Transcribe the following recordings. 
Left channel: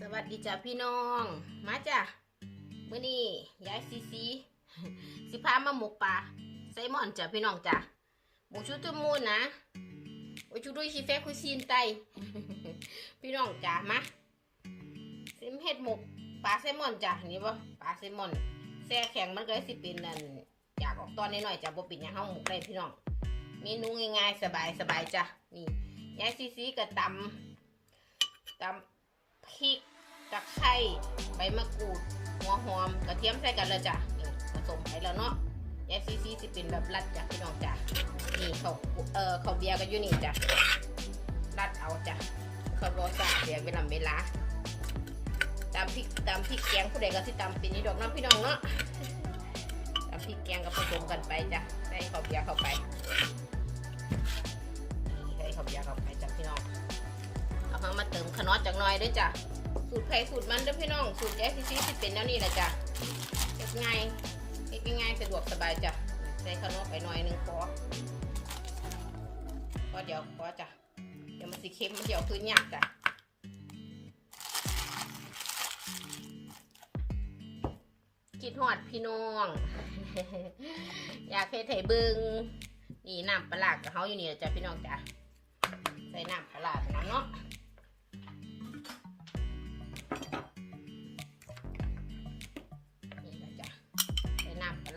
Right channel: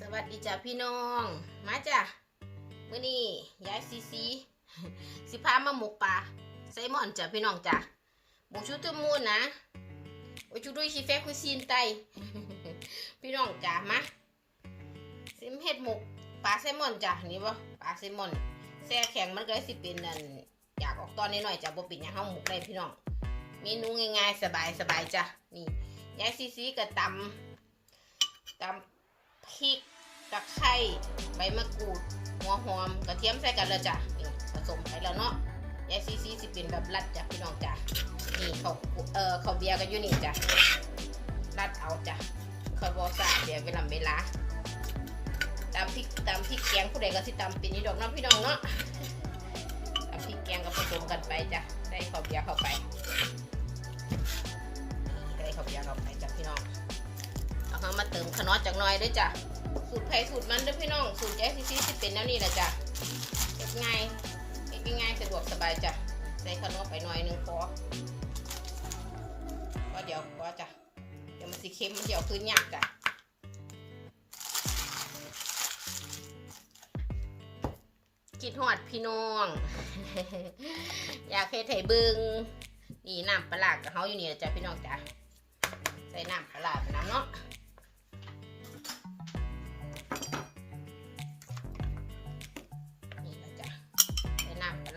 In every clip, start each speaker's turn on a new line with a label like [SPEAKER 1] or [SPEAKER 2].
[SPEAKER 1] สวัสดีจ้ะพี่น้อง มาจ้ะมื้อนี้ยายซีซีสิพามาหมกปลาไซมอนจ้ะพี่น้องจ้ะหมกชุดตมูนนะโอ้ชุดด้วยชีเฟคุยซีนไตพี่น้องจ้ะมาซิมเฮ็ดหมกปลาไซมอนจ้ะนี่บ่ปลาไซมอนแซ่แข็งมันก็สิเป็นนั่นอยากออกตอนน้อยจ้ะบ่เป็นยังเฮาหมกได้พี่น้องเมนูง่ายๆสบายๆจ้ะนี่ยายซีซีก็ตำตำ พริกตะไคร้ใบมะกรูด หัวหอมกระเทียมใส่กันเลยจ้ะนี่ผสมไปแล้วเนาะยายซีซีสิเป็นแบบรัดจ้ะพี่น้องจ้ะนี่เขาเอ่อเขาวเบียร์กันอยู่นี่จ้ะรัดเอาจ้ะเขาบอสาเบียร์เวลาเวลาตามพริกตามพริกแกงผู้ใดก็สิตามเป็นนี่ดอกน้องพี่น้องเนาะตามพริกแกงก็ผสมกันไปจ้ะใส่ข้าวเบียร์เข้าไปใส่ข้าวเบียร์เข้าไป เอาเข้ามาเติมขนอจากหน้อยด้วยจ้ะสูตรไผ่สูตรมันด้วยพี่น้องสูตรแจ๊สซีสิเป็นแนวนี้แหละจ้ะเล็กง่ายเล็กง่ายสะดวกสบายจ้ะใส่ขนอไปหน่อยนึงพอพอเดี๋ยวพอจ้ะเดี๋ยวมันสิเค็มเดี๋ยวคืนยากจ้ะคิดหอดพี่น้อง อยากเฮ็ดให้เบิงนี่น้ำปลาร้ากกับเฮาอยู่นี่แหละจ้ะพี่น้องจ้ะใส่น้ำปลาร้าไปน้ำเนาะ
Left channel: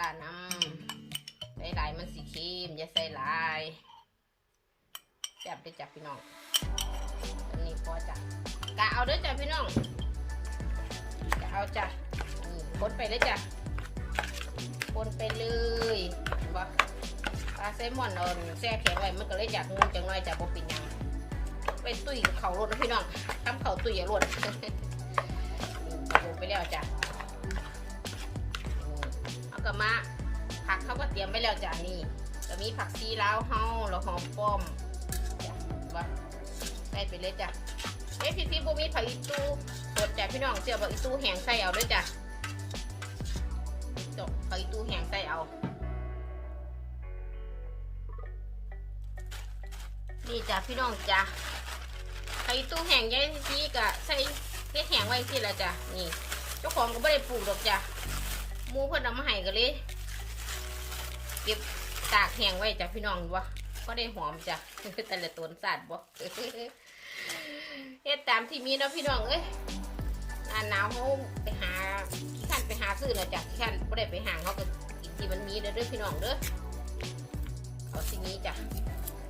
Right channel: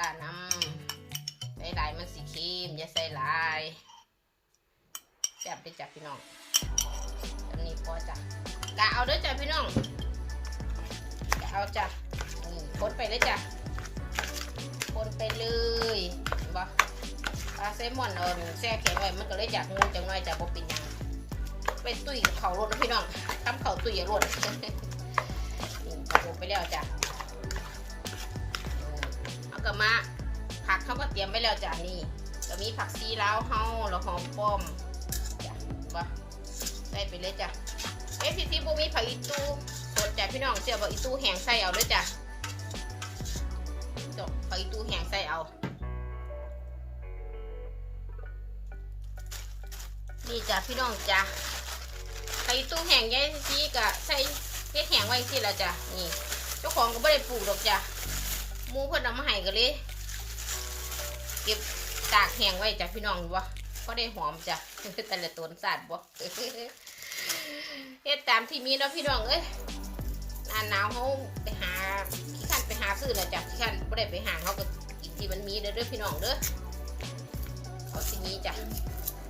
[SPEAKER 1] ลาน้ำใส่หลายมันสีเค็มอย่าใส่หลายแซ่บได้จ้ะพี่น้องอันนี้พอจ้ะกะเอาด้อจ้ะพี่น้องกะเอาจ้ะนี่คนไปเลยจ้ะคนไปเลยบ่ปลาแซลมอนเอาแซ่แข็งไว้มันก็เลยอยากงูจังหน่อยจ้ะบ่เป็นยังไปตุ้ยเขารถนะพี่น้องทำเขาตุ้ยอย่ารถอือาลงไปแล้วจ้ะ กลับมาผักเขาก็เตรียมไว้แล้วจ้ะนี่ก็มีผักซีลาวเฮาแล้วหอมป้อมจ้ะว่าใส่ไปเลยจ้ะเอ้พี่ซีบูมีผักอีตูสดจ้ะพี่น้องเสียบอกอีตูแห้งใส่เอาด้วยจ้ะจบผักอีตูแห้งใส่เอา นี่จ้ะพี่น้องจ้ะไข่ตู้แห้งยายซีกะใส่เม็ดแห้งไว้สิละจ้ะนี่เจ้าของก็ไม่ได้ปลูกดอกจ้ะ มูเพิ่นเอามาให้กันเลย เก็บตากแห้งไว้จ้ะพี่น้องบ่ก็ได้หอมจ้ะแต่ละต้นสาดบ่เฮ็ดตามที่มีเนาะพี่น้องเอ้ยหน้าหนาวเขาไปหาขี้ขันไปหาซื้อนะจ้ะขี้ขันไม่ได้ไปหาเขาก็กินที่มันมีเด้อเด้อพี่น้องเด้อเอาที่นี้จ้ะ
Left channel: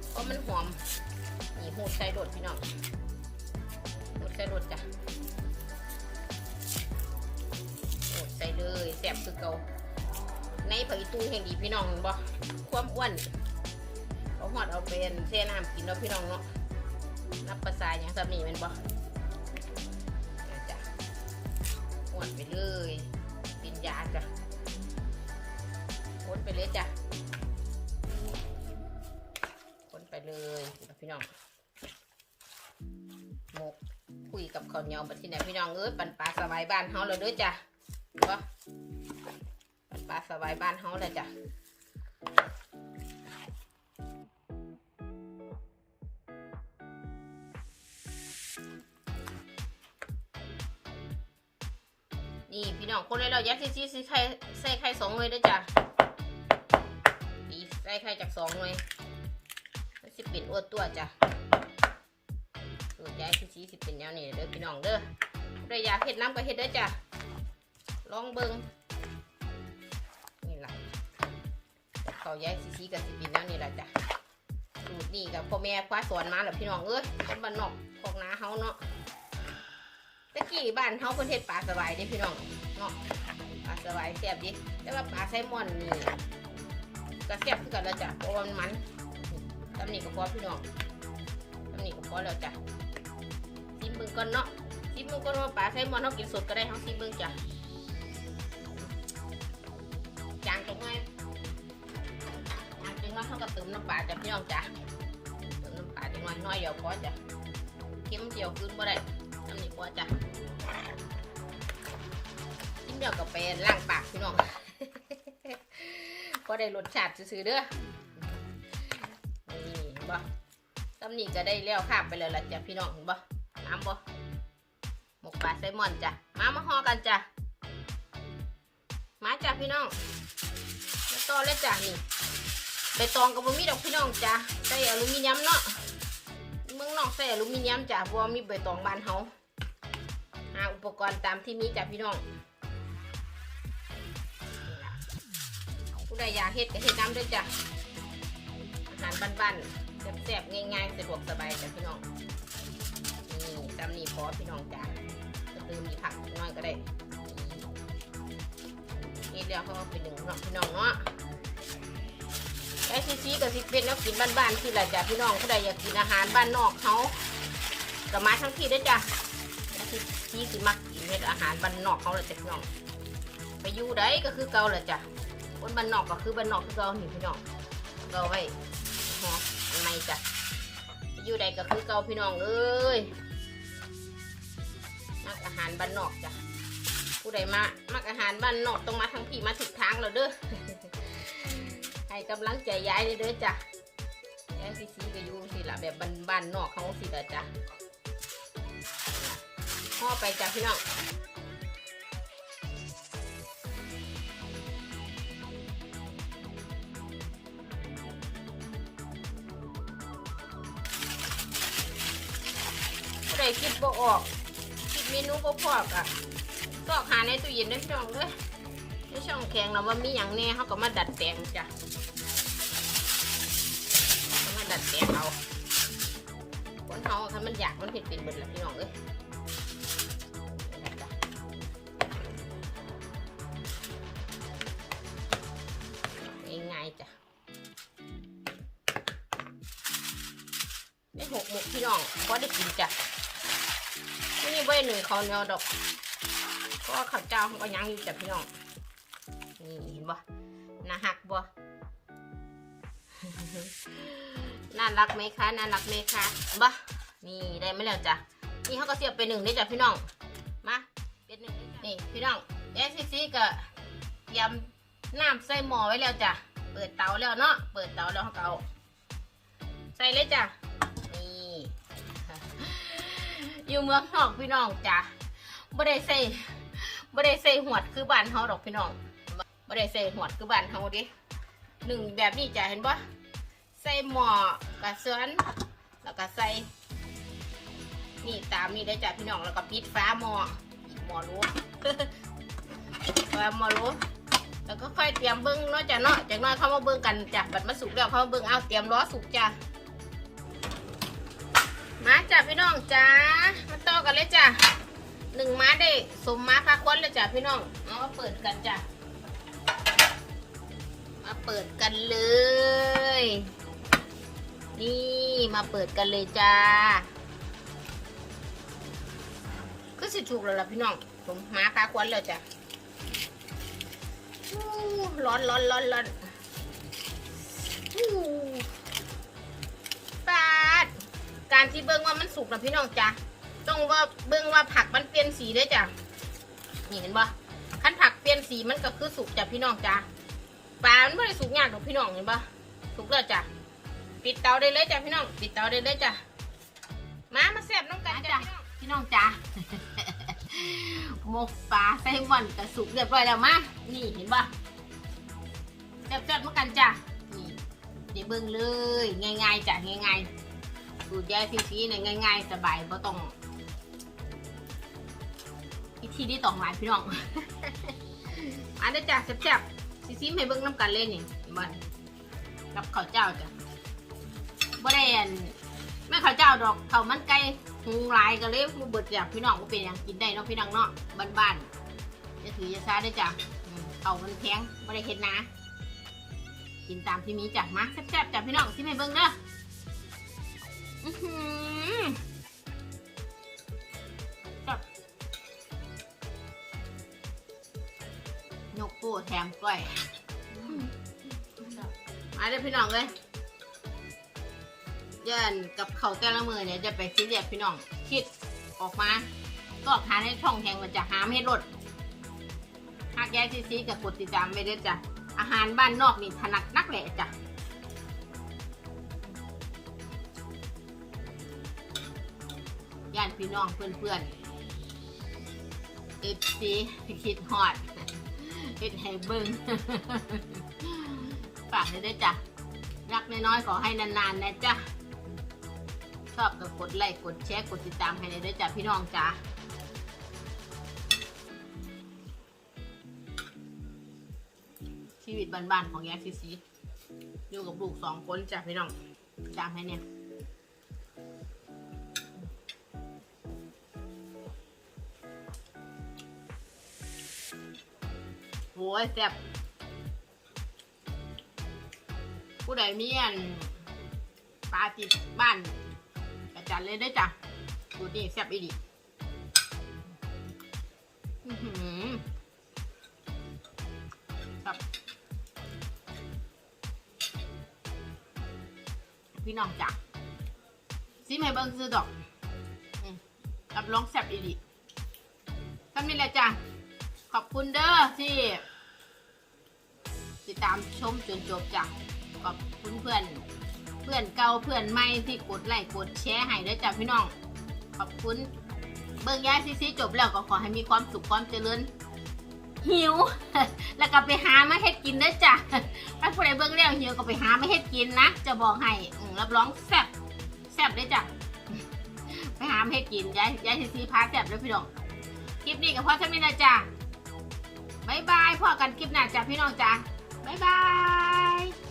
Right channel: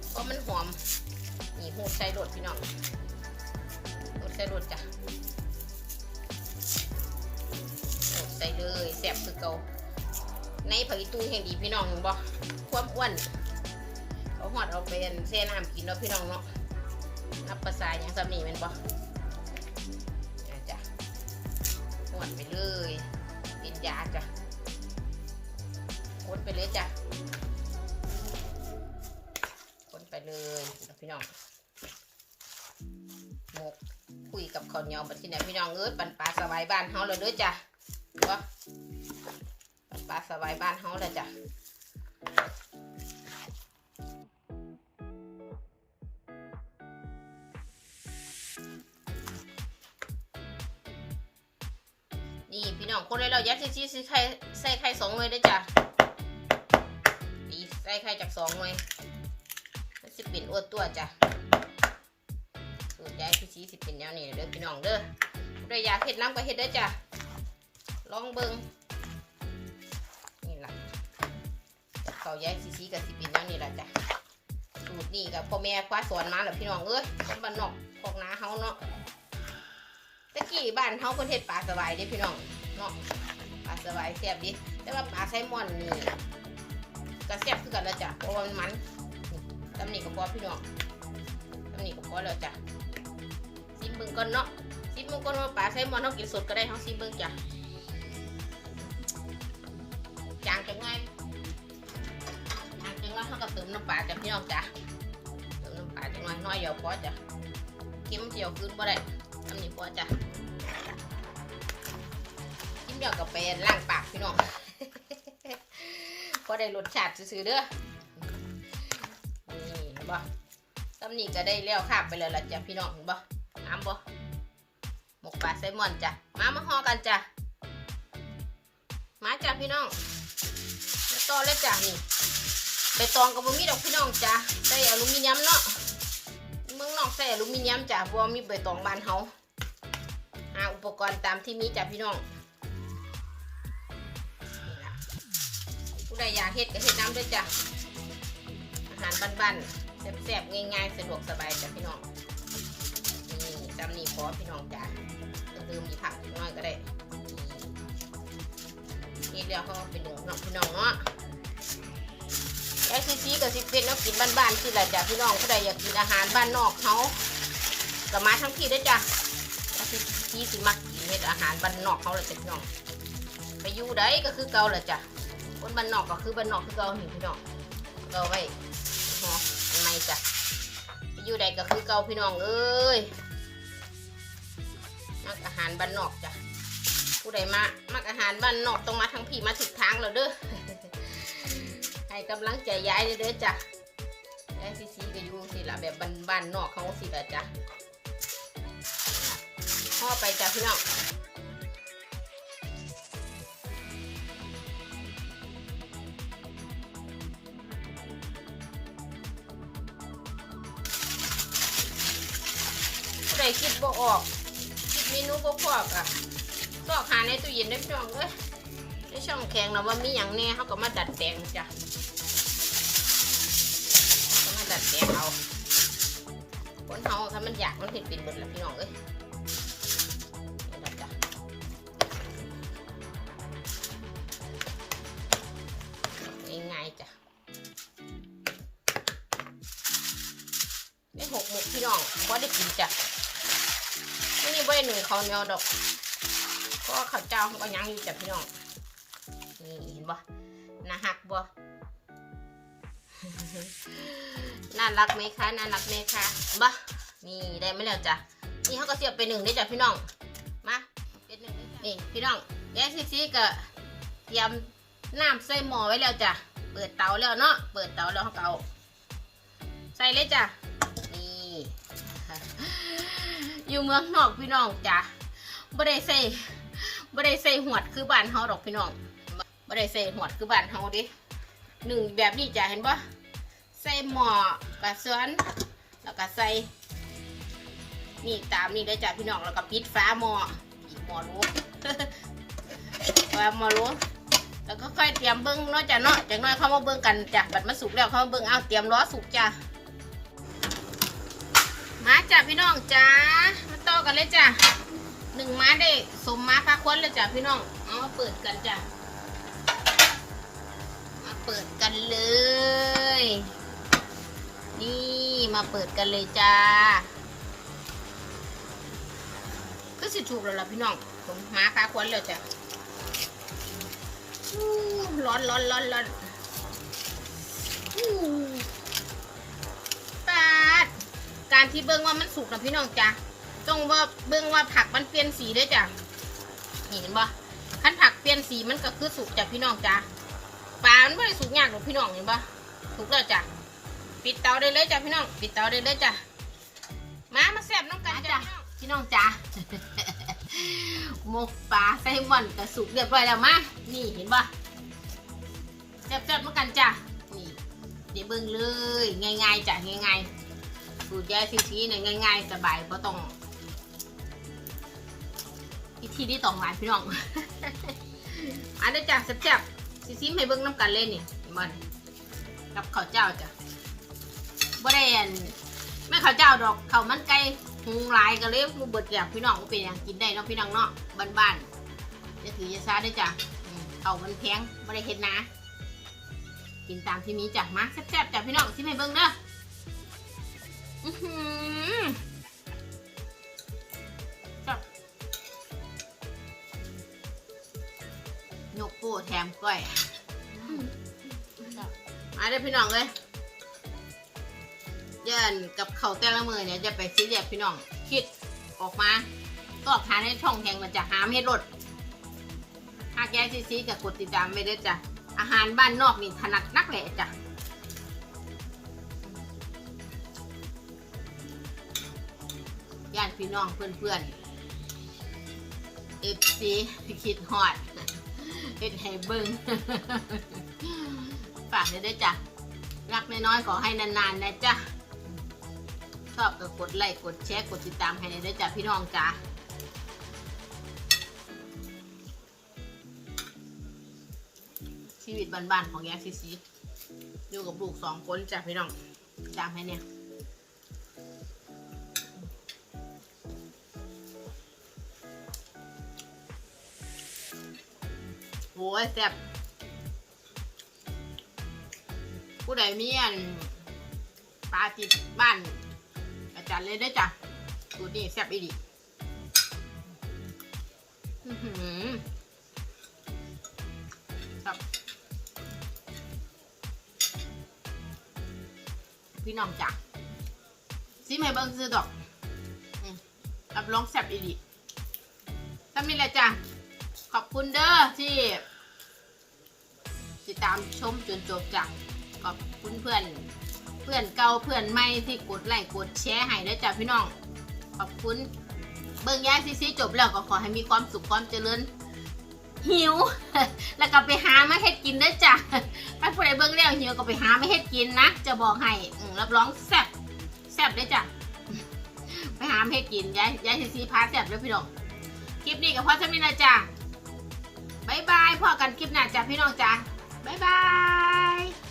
[SPEAKER 1] เพราะมันหอมนี่หูดใส่รดพี่น้องหูดใส่รดจ้ะ ใส่เลยแสบคือเกาในผักอีตูแห่งดีพี่น้องบ่ความอ้วนเอาหอดเอาเป็นเส้น้ำกินเนาะพี่น้องเนาะนับภาษาอย่างสำนีมันบ่นะจ้ะหอดไปเลยกินยาจ้ะคนไปเลยจ้ะคนไปเลยพี่น้องหมกคุยกับข้าวเหนียวมาที่ไหนพี่น้องเอ้ยปันปลาสบายบ้านเฮาเลยเด้อจ้ะ ปันปลาสบายบ้านเฮาเลยจ้ะนี่พี่น้องคนเลยเรายัดซีซีใส่ไข่ใส่ไข่สองเลยเด้จ้ะดีใส่ไข่จากสองเลยมันสิเป็นอ้วนตัวจ้ะสูตรยายพี่ซีสิเป็นแนวนี้เด้อพี่น้องเด้อผู้ใดอยากเฮ็ดน้ำก็เฮ็ดเด้จ้ะ ลองเบิ่งนี่ล่ะเขายายซีซีกับสิเป็นแนวนี้ล่ะจ้ะสูตรนี้กับพ่อแม่คว้าสอนมาแล้วพี่น้องเอ้ยคนบ้านนอกพอกนาเฮาเนาะตะกี้บ้านเฮาเพิ่นเฮ็ดปลาสบายด้พี่น้องเนาะปลาสบายแซ่บดิแต่ว่าปลาไซมอนนี่ก็แซ่บคือกันแล้วจ้ะเพราะว่ามันมันตำหนิกับพ่อพี่น้องตำหนิกับพ่อแล้วจ้ะซิมเบิ้งก่อนเนาะซิมเบิ้งก่อนว่าปลาไซมอนเขากินสดก็ได้เขาซิมเบิ้งจ้ะ น้ำปลาจ้ะพี่น้องจ้ะเติมน้ำปลาจะน้อยน้อยเดียวพอจ้ะเค็มเจียวขึ้นบ่ได้ตำหนิพอจ้ะซิมเดียวกับไปล้างปากพี่น้องพอได้รสชาติซื่อๆเด้อนี่เห็นบ่ตำนี้ก็ได้แล้วคาบไปเลยละจ้ะพี่น้องบ่น้ำบ่หมกปลาไซมอนจ้ะมามาห่อกันจ้ะมาจ้ะพี่น้องแล้วต่อเลยจ้ะนี่ ใบตองกับบุมีดอกพี่น้องจ้ะใส่อลูมิเนียมเนาะเมืองนอกใส่อลูมิเนียมจ้ะบัวามีใบตองบานเฮาหาอุปกรณ์ตามที่มีจ้ะพี่น้องผู้ใดอยากเฮ็ดก็เฮ็ดน้ำด้วยจ้ะอาหารบ้านๆแซ่บๆง่ายๆสะดวกสบายจ้ะพี่น้องนี่ตำนี่ขอพี่น้องจ้ะจะเติมมีผักน้อยก็ได้นี่เรียกเขาเป็นหนูเนาะพี่น้องเนาะ ไอ้ซีซีกับซิเป็นนักกินบ้านๆคืออะไรจ้ะพี่น้องผู้ใดอยากกินอาหารบ้านนอกเขาก็มาทั้งที่ได้จ้ะไอ้ซีซีสิมักกินเฮ็ดอาหารบ้านนอกเขาเลยจ้ะพี่น้องไปอยู่ใดก็คือเก่าแหละจ้ะคนบ้านนอกก็คือบ้านนอกคือเก่าหนึ่พี่น้องเกาไว้ฮะอันไหนจ้ะไปอยู่ใดก็คือเก่าพี่น้องเอ้ยมักอาหารบ้านนอกจ้ะผู้ใดมามักอาหารบ้านนอกต้องมาทั้งพี่มาถึกทางแล้วเด้อ ให้กำลังใจย้ายเด้อจ้ะแอซีซีก็อยู่สิละแบบบ้านบานนอกเขาสิละจ้ะพ่อไปจ้ะพี่น้องผู้ใดคิดบ่ออกคิดเมนูบ่พออะซอกหาในตู้เย็นได้พี่น้องเด้อในช่องแข็งเราว่ามีอย่างแน่เขาก็มาดัดแปลงจ้ะ เขาก็มาดัดแปลงเอาคนเขาถ้ามันอยากมันเห็ดเป็นเบิดละพี่น้องเอ้ยนี่ล่ะจ้ะง่ายๆจ้ะนี่หกหมกพี่น้องพอได้กินจ้ะนี่ไว้หนึ่งข้าเนียวดอก ก็ข้าวเจ้าเขาก็ยังอยู่จ้ะพี่น้องนี่เห็นบ่น่าหักบ่ น่ารักไหมคะ น่ารักไหมคะบ่นี่ได้ไหมแล้วจ้ะ นี่เขาก็เสียบไปหนึ่งได้จ้ะพี่น้อง มาเป็นหนึ่งนี่พี่น้องแย่ซีซีก็เตรียมน้ำใส่หม้อไว้แล้วจ้ะ เปิดเตาแล้วเนาะ เปิดเตาแล้วเขาก็เอาใส่เลยจ้ะ นี่ อยู่เมืองนอกพี่น้องจ้ะบ่ได้ใส่บ่ได้ใส่หวดคือบ้านเฮาดอกพี่น้องบ่ได้ใส่หวดคือบ้านเฮาดิหนึ่งแบบนี้จ้ะเห็นปะ ใส่หม้อกระเสือนแล้วก็ใส่นี่ตามนี่ได้จ้ะพี่น้องแล้วก็ปิดฟ้าหม้อหม้อรู้ฟ้าหม้อรู้แล้วก็ค่อยเตรียมเบิ้งเนาะจ้ะเนาะจากนั้นเข้ามาเบิ้งกันจ้ะบัดมาสุกแล้วเข้ามาเบิ้งเอาเตรียมล้อสุกจ้ะมาจ้ะพี่น้องจ้ามาต่อกันเลยจ้ะหนึ่งม้าได้สมม้าค่าควนเลยจ้ะพี่น้องเอาเปิดกันจ้ะมาเปิดกันเลย นี่มาเปิดกันเลยจ้า ก็สิถูกแล้วล่ะพี่น้อง ผมมาค่าควนแล้วจ้ะร้อนร้อนร้อนร้อนปาดการที่เบิ้งว่ามันสุกนะพี่น้องจ้ะต้องว่าเบิ่งว่าผักมันเปลี่ยนสีด้วจ้ะนี่เห็นปะคันผักเปลี่ยนสีมันก็คือสุกจ้ะพี่น้องจ้ะปลามันไม่ได้สุกยากหรอกพี่น้องเห็นปะสุกแล้วจ้ะ ปิดเตาได้เลยจ้ะพี่น้อง ปิดเตาได้เลยจ้ะ มามาแซ่บน้องกันจ้ะพี่น้องจ้ะหมกปลาไซมอนก็สุกเรียบร้อยแล้วมา นี่เห็นปะแซ่บๆเมือกันจ้ะ นี่เดี๋ยวเบิ่งเลย ง่ายๆจ้ะง่ายๆสูตรยายซีซีเนี่ยง่าย ๆ สบายเพราะต้องวิธีที่ต้องหลายพี่น้อง อันนี้จ้ะแซ่บๆซีซีให้เบิ้งน้ำกันเล่นนี่หมันกับข้าวเจ้าจ้ะ บ่ได้อันไม่ข้าวเจ้าดอกข้าวมันไก่หุงหลายก็เลยมูเบิดอยากพี่น้องก็เป็นอย่างกินได้เนาะพี่น้องเนาะบ้านๆจะถือยาซาได้จ้ะอืมข้าวมันแพงบ่ได้เฮ็ดนะ กินตามที่มีจ้ะมาแซ่บๆจ้ะพี่น้องซิให้เบิ้งเด้ออื้อหือจับยกปูแถมก้อย มาเด้พี่น้องเลย ยินกับเขาแต่ละมือเนี่ยจะไปซีเรียสพี่น้องคิดออกมาตอกหาในช่องแทงมันจะหาไม่ให้ลดหากแย่ซีซีกับกดติดตามไปเด้จ้ะอาหารบ้านนอกนี่ถนัดนักแหละจ้ะญาติพี่น้องเพื่อนๆเอฟซีคิดฮอดเฮ็ดให้เบิ่งฝากเลยด้วยจ้ะรักน้อยๆขอให้นานๆนะจ๊ะ ชอบก็กดไลค์กดแชร์กดติดตามให้เลยด้วยจ้ะพี่น้องจ้ะชีวิตบ้านๆของยายซีซีอยู่กับลูกสองคนจ้ะพี่น้องจำให้เนี่ยโอ้ยแซ่บผู้ใดมีอันปลาติดบ้าน จารย์เลยได้จ้ะสูนี้แซ่บอีดีอื้อหือครับพี่น้องจ้ะซิมให้เบิ้งซื้อดอกรับรองแซ่บอีดีทำนี่แหละจ้ะ ขอบคุณเด้อที่ ติดตามชมจนจบจ้ะ ขอบคุณเพื่อน พื่อนเก่าเพื่อนใหม่ที่กดไลค์กดแชร์ให้ด้วยจ้ะพี่น้อง ขอบคุณ เบิ่งย้ายซีซีจบแล้วก็ขอให้มีความสุขความเจริญหิว แล้วก็ไปหามาเฮ็ดกินด้อจ้ะถ้าผู้ใดเบิ่งแล้วหิวก็ไปหามาเฮ็ดกินนะ จะบอกให้รับรองแซ่บแซ่บด้อจ้ะไปหามาเฮ็ดกินย้ายย้ายซีซีพาแซ่บด้อพี่น้อง คลิปนี้ก็พอเท่านี้นะจ้ะบ๊ายบายพอกันคลิปหน้าจ้ะพี่น้องจ้ะบ๊ายบาย